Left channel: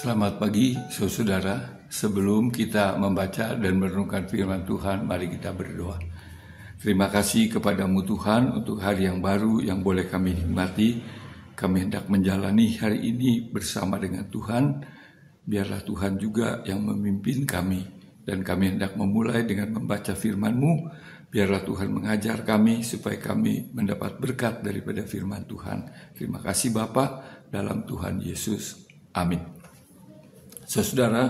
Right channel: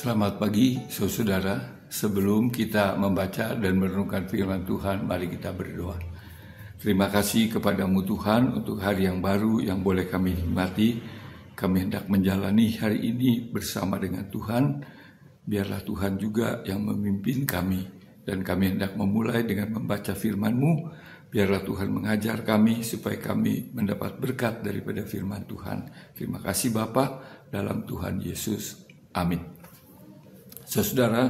Selamat pagi, saudara. Sebelum kita membaca dan merenungkan firman Tuhan, mari kita berdoa. Terima kasih kepadamu Tuhan untuk hari yang baru yang boleh kami nikmati. Kami hendak menjalani hari ini bersama dengan Tuhan. Biarlah Tuhan juga yang memimpin kami. Dan kami hendak memulai dengan membaca firman-Mu. Biarlah Tuhan mengajar kami supaya kami mendapat berkat daripada firman Tuhan. Terima kasih Bapa, dalam Tuhan Yesus. Amin. Saudara,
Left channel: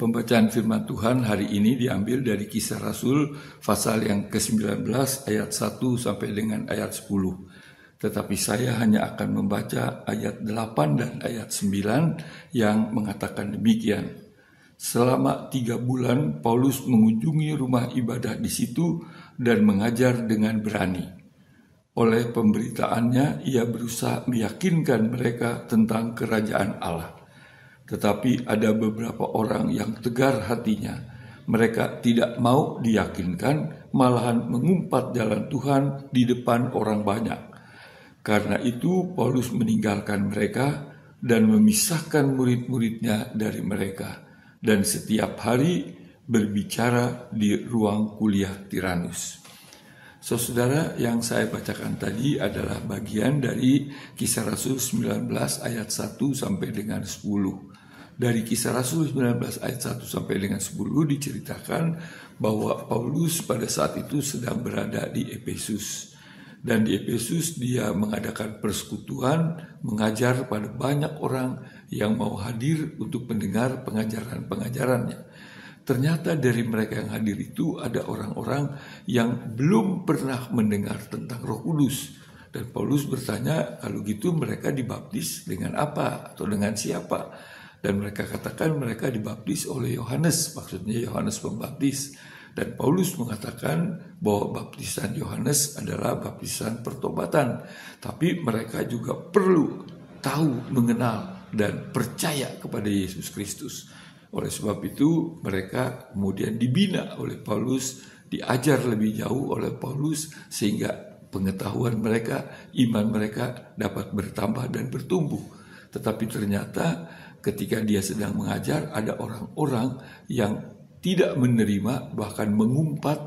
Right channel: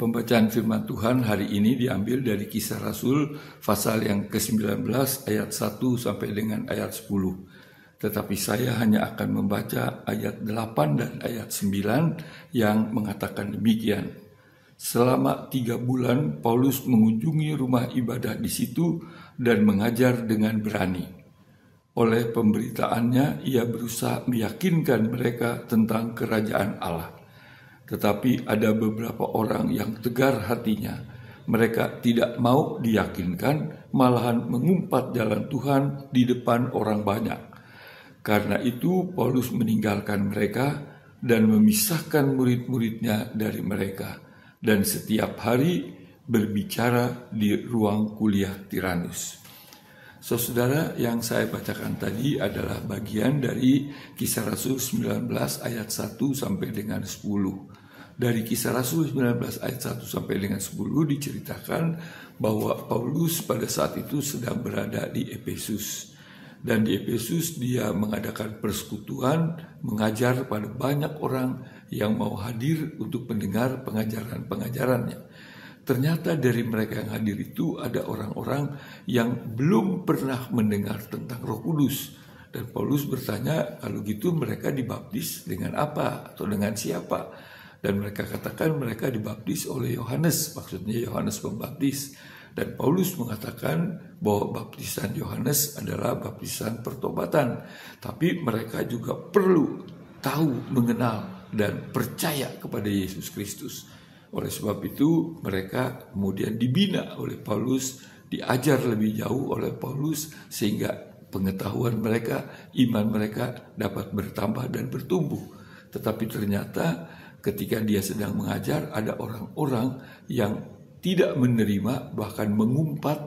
pembacaan firman Tuhan hari ini diambil dari Kisah Rasul pasal yang ke-19 ayat 1 sampai dengan ayat 10. Tetapi saya hanya akan membaca ayat 8 dan ayat 9 yang mengatakan demikian. Selama 3 bulan Paulus mengunjungi rumah ibadah di situ dan mengajar dengan berani. Oleh pemberitaannya ia berusaha meyakinkan mereka tentang kerajaan Allah. Tetapi ada beberapa orang yang tegar hatinya. Mereka tidak mau diyakinkan, malahan mengumpat jalan Tuhan di depan orang banyak. Karena itu Paulus meninggalkan mereka dan memisahkan murid-muridnya dari mereka. Dan setiap hari berbicara di ruang kuliah Tiranus. Saudara, yang saya bacakan tadi adalah bagian dari Kisah Rasul 19 ayat 1 sampai dengan 10. Dari Kisah Rasul 19 ayat 1 sampai dengan 10 diceritakan bahwa Paulus pada saat itu sedang berada di Efesus. Dan di Efesus dia mengadakan persekutuan, mengajar pada banyak orang yang mau hadir untuk mendengar pengajaran-pengajarannya. Ternyata dari mereka yang hadir itu ada orang-orang yang belum pernah mendengar tentang Roh Kudus. Dan Paulus bertanya, kalau gitu mereka dibaptis dengan apa atau dengan siapa? Dan mereka katakan mereka dibaptis oleh Yohanes, maksudnya Yohanes Pembaptis. Dan Paulus mengatakan bahwa baptisan Yohanes adalah baptisan pertobatan. Tapi mereka juga perlu tahu, mengenal, dan percaya kepada Yesus Kristus. Oleh sebab itu mereka kemudian dibina oleh Paulus, diajar lebih jauh oleh Paulus, sehingga pengetahuan mereka, iman mereka dapat bertambah dan bertumbuh. Tetapi ternyata ketika dia sedang mengajar, ada orang-orang yang tidak menerima, bahkan mengumpat,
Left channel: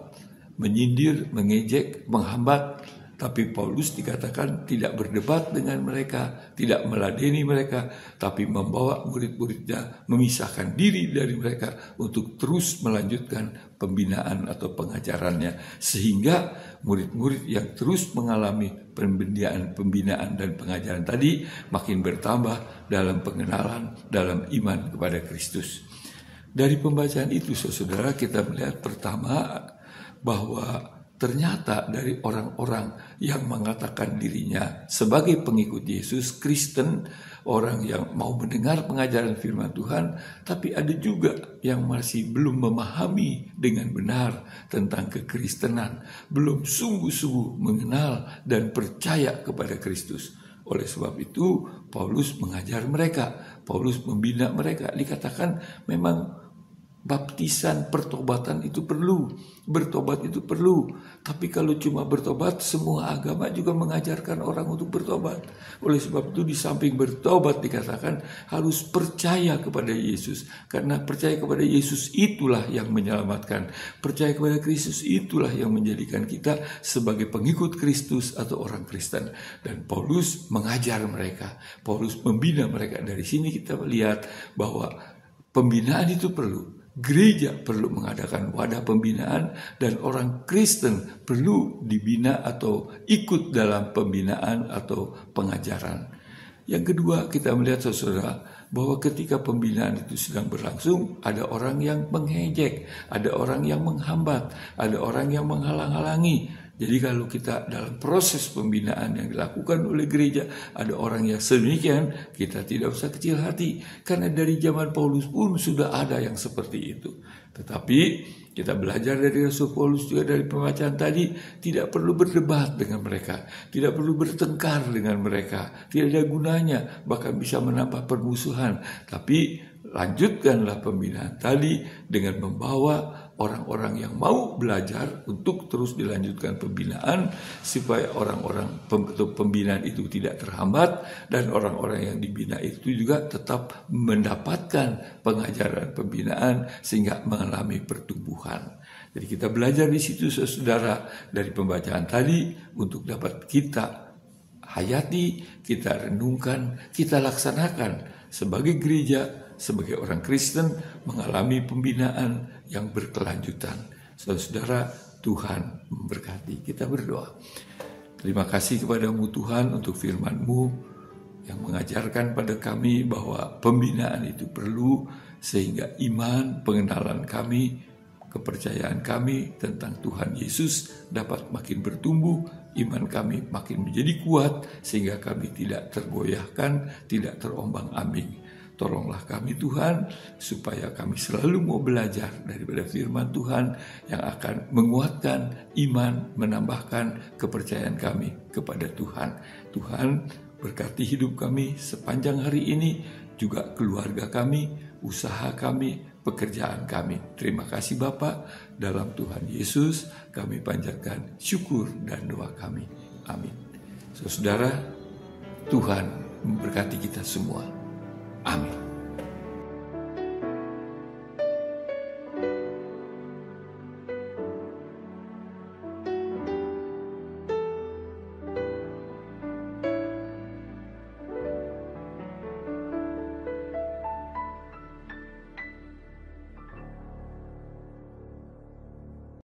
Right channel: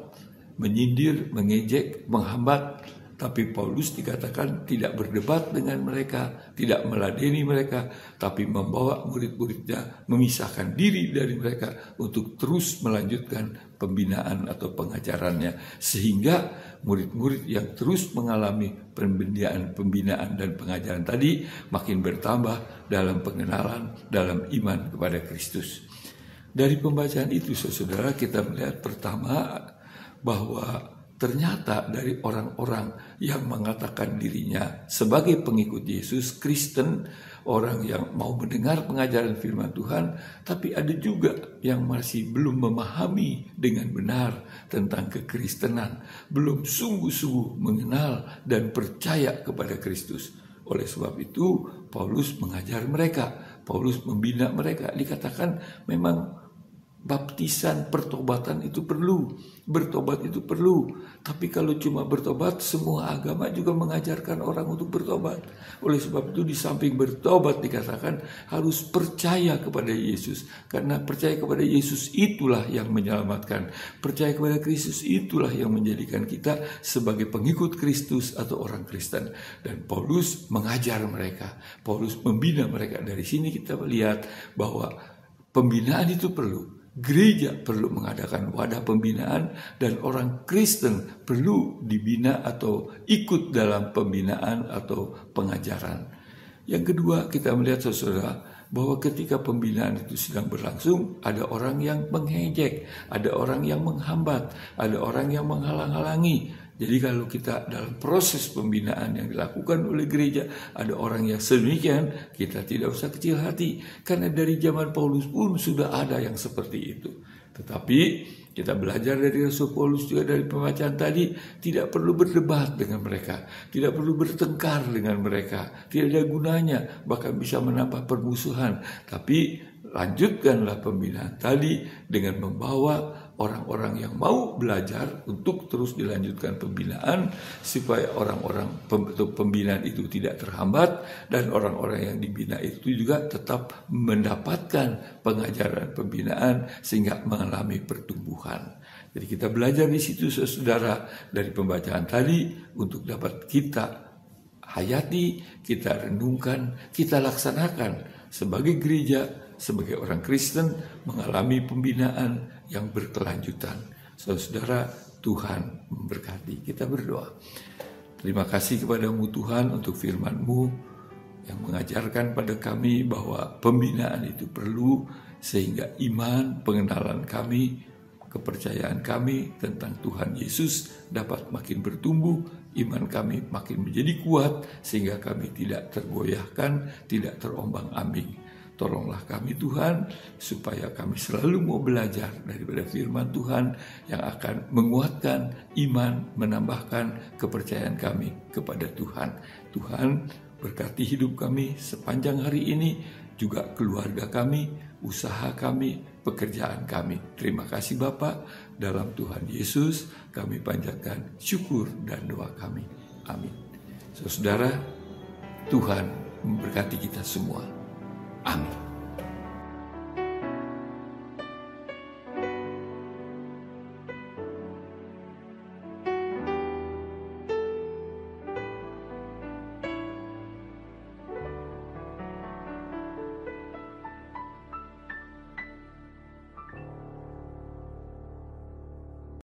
menyindir, mengejek, menghambat. Tapi Paulus dikatakan tidak berdebat dengan mereka, tidak meladeni mereka, tapi membawa murid-muridnya, memisahkan diri dari mereka untuk terus melanjutkan pembinaan atau pengajarannya. Sehingga murid-murid yang terus mengalami pembinaan dan pengajaran tadi makin bertambah dalam pengenalan, dalam iman kepada Kristus. Dari pembacaan itu, saudara, kita melihat pertama bahwa ternyata dari orang-orang yang mengatakan dirinya sebagai pengikut Yesus, Kristen, orang yang mau mendengar pengajaran firman Tuhan, tapi ada juga yang masih belum memahami dengan benar tentang kekristenan, belum sungguh-sungguh mengenal dan percaya kepada Kristus. Oleh sebab itu, Paulus mengajar mereka, Paulus membina mereka. Dikatakan memang baptisan pertobatan itu perlu, bertobat itu perlu. Tapi kalau cuma bertobat, semua agama juga mengajarkan orang untuk bertobat. Oleh sebab itu di samping bertobat dikatakan harus percaya kepada Yesus. Karena percaya kepada Yesus itulah yang menyelamatkan. Percaya kepada Kristus itulah yang menjadikan kita sebagai pengikut Kristus atau orang Kristen. Dan Paulus mengajar mereka, Paulus membina mereka. Dari sini kita lihat bahwa pembinaan itu perlu. Gereja perlu mengadakan wadah pembinaan dan orang Kristen perlu dibina atau ikut dalam pembinaan atau pengajaran. Yang kedua, kita melihat saudara bahwa ketika pembinaan itu sedang berlangsung, ada orang yang mengejek, ada orang yang menghambat, ada orang yang menghalang-halangi. Jadi kalau kita dalam proses pembinaan yang dilakukan oleh gereja, ada orang yang sedemikian, kita tidak usah kecil hati. Karena dari zaman Paulus pun sudah ada yang seperti itu. Tetapi kita belajar dari Rasul Paulus juga dari pembacaan tadi, tidak perlu berdebat dengan mereka, tidak perlu bertengkar dengan mereka, tidak ada gunanya, bahkan bisa menambah permusuhan. Tapi lanjutkanlah pembinaan tadi dengan membawa orang-orang yang mau belajar untuk terus dilanjutkan pembinaan, supaya orang-orang pembinaan itu tidak terhambat, dan orang-orang yang dibina itu juga tetap mendapatkan pengajaran pembinaan sehingga mengalami pertumbuhan. Jadi kita belajar di situ, saudara, dari pembacaan tadi untuk dapat kita hayati, kita renungkan, kita laksanakan sebagai gereja, sebagai orang Kristen mengalami pembinaan yang berkelanjutan. Saudara, Tuhan memberkati. Kita berdoa. Terima kasih kepadamu Tuhan untuk firman-Mu yang mengajarkan pada kami bahwa pembinaan itu perlu, sehingga iman, pengenalan kami, kepercayaan kami tentang Tuhan Yesus dapat makin bertumbuh, iman kami makin menjadi kuat, sehingga kami tidak tergoyahkan, tidak terombang-ambing. Tolonglah kami Tuhan, supaya kami selalu mau belajar daripada firman Tuhan yang akan menguatkan iman, menambahkan kepercayaan kami kepada Tuhan. Tuhan, berkati hidup kami sepanjang hari ini, juga keluarga kami, usaha kami, pekerjaan kami. Terima kasih Bapa, dalam Tuhan Yesus kami panjatkan syukur dan doa kami. Amin. Saudara, Tuhan memberkati kita semua. Amin.